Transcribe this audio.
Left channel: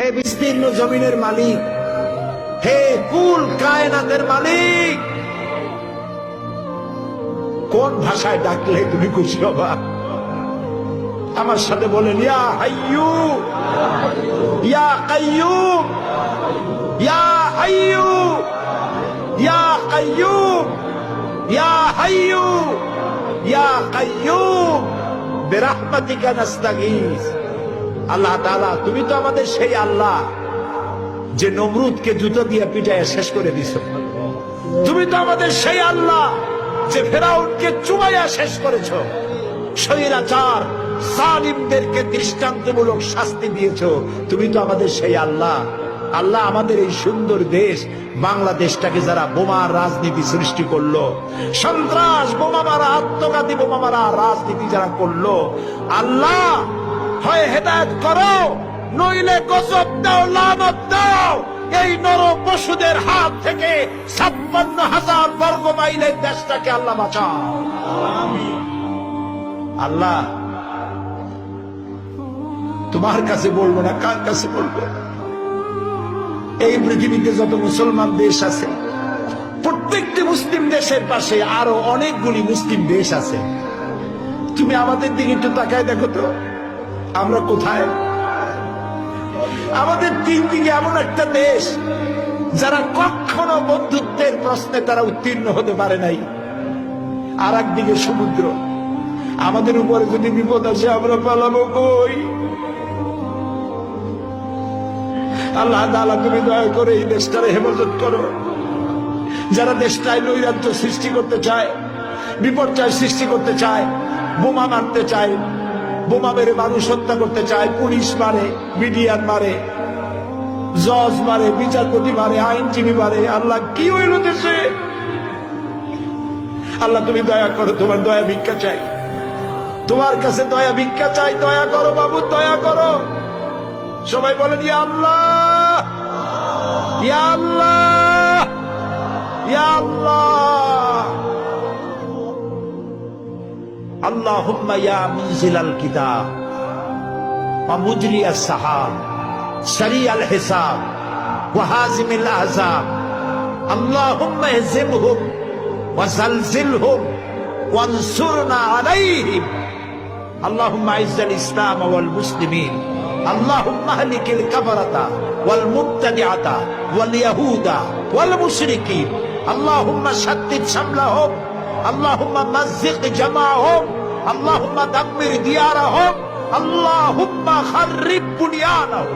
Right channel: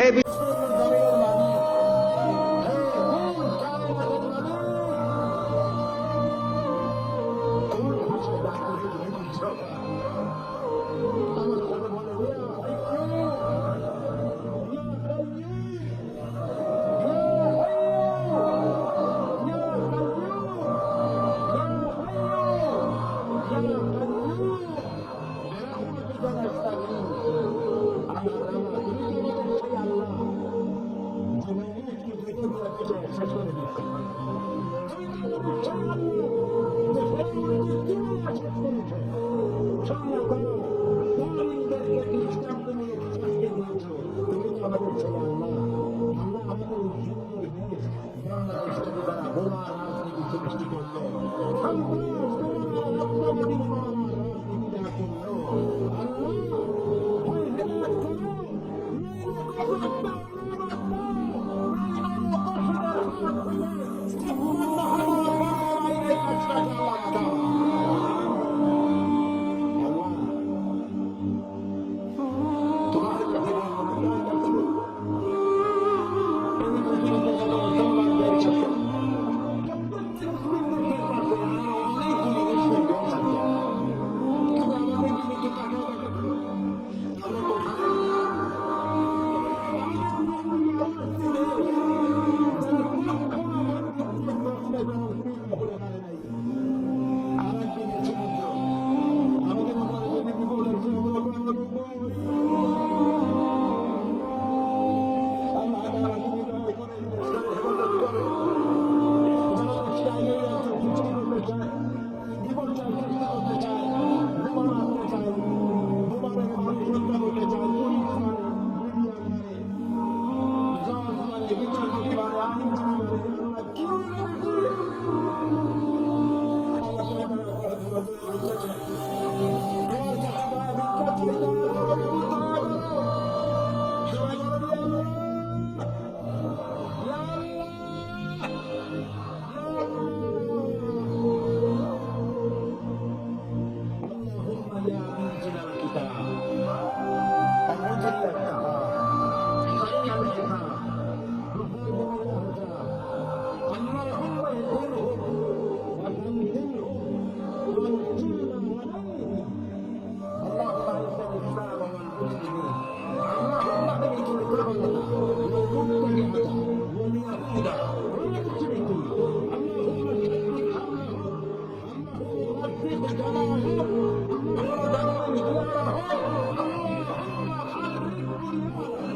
হে বিস্তীর্ণ জমিনের মালিক, হে কুল কায়নাতের মালিক, কোন ভাষায় ডাকলে তুমি খুশি হবা? আমার সাথে বলেন, ইয়া হাইয়ু ইয়া কাইয়ুম, ইয়া হাইয়ু ইয়া কাইয়ুম, ইয়া হাইয়ু ইয়া কাইয়ুম বিরহমাতিকা নাস্তাগীস। আল্লাহ তাআলা, তুমি তো আমাদের সেই আল্লাহ যে নমরুদকে জুতো দিয়ে পিটাইয়া শেষ করে দিছ। তুমি তো আমাদের সেই আল্লাহ যে ফেরাউনকে চুবাইয়া শেষ করেছ। স্বৈরাচার জালিমদেরকে দৃষ্টান্তমূলক শাস্তি দিয়েছ। তুমি তো আমাদের সেই আল্লাহ। আল্লাহ, আমাদের এই সুন্দর দেশ বাংলাদেশটাকে যারা বোমার রাজনীতি সৃষ্টি করলো, সন্ত্রাস, বোমা মারা, আত্মঘাতী বোমা মারা রাজনীতি যারা করলো, আল্লাহ হয় হেদায়েত করো, নইলে গজব দাও, লানত দাও। এই নর পশুদের হাত থেকে 56,000 বর্গ মাইলের দেশটাকে আল্লাহ বাঁচাও। আল্লাহ, তোমার কাছে বলবো না, কার কাছে বলবো? এই পৃথিবীতে যত মুসলমান দেশ আছে, প্রত্যেকটি মুসলিম দেশের পাশে আরো অনেকগুলি মুসলিম দেশ আছে। তুমি আমাদের দিকে একটু তাকায় দেখো তো, আমরা কোথায়? আমাদের তিন দিকে এমন একটা দেশ যারা কখনো বন্ধুত্বের প্রশ্নে তারা উত্তীর্ণ হতে পারে নাই, আর একদিকে সমুদ্র। আমাদের উপরে যদি বিপদ আসে আমরা পালাবো কই? আল্লাহ তাআলা, তুমি দয়া করে এই দেশটারে হেফাজত করো। যারা দেশটায় নৈরাজ্য সৃষ্টি করতে চায়, বিপর্যয় সৃষ্টি করতে চায়, বোমা মারতে চায়, বোমা মেরে মানুষ হত্যা করতে চায়, পুলিশ মারে, মিডিয়ার মারে, জজ মারে, বিচারপতি মারে, আইনজীবী মারে। আল্লাহ, কি হইল দেশে? আল্লাহ, তুমি দয়া করো, তোমার দয়া ভিক্ষা চাই, তোমার কাছে দয়া ভিক্ষা চাই। দয়া করো বাবু, দয়া করো। সবাই বলেন, ইয়া আল্লাহ, ইয়া আল্লাহ, ইয়া আল্লাহ। আল্লাহুম্মা ইয়া মুনজিলাল কিতাব ওয়া মুজরিয়াস সাহাব সারিয়াল হিসাব ওয়া হাজিমিল আহজাব, আল্লাহুম্মা ইহজিমহুম ওয়া জালজিলহুম ওয়ানসুরনা আলাইহিম, আল্লাহুম্মা আইজ্জাল ইসলাম ওয়াল মুসলিমিন, আল্লাহুম্মা আহলিকিল কাফারাতা ওয়াল মুবতাদিআতা ওয়াল ইয়াহুদা ওয়াল মুশরিকিন, আল্লাহুম্মা শাদ্দিদ শামলাহুম, আল্লাহুম্মা মাযযিক জামাআহুম, আল্লাহুম্মা দাম্মির দিয়ারাহুম, আল্লাহুম্মা খাররিব বুনিয়ানাহুম।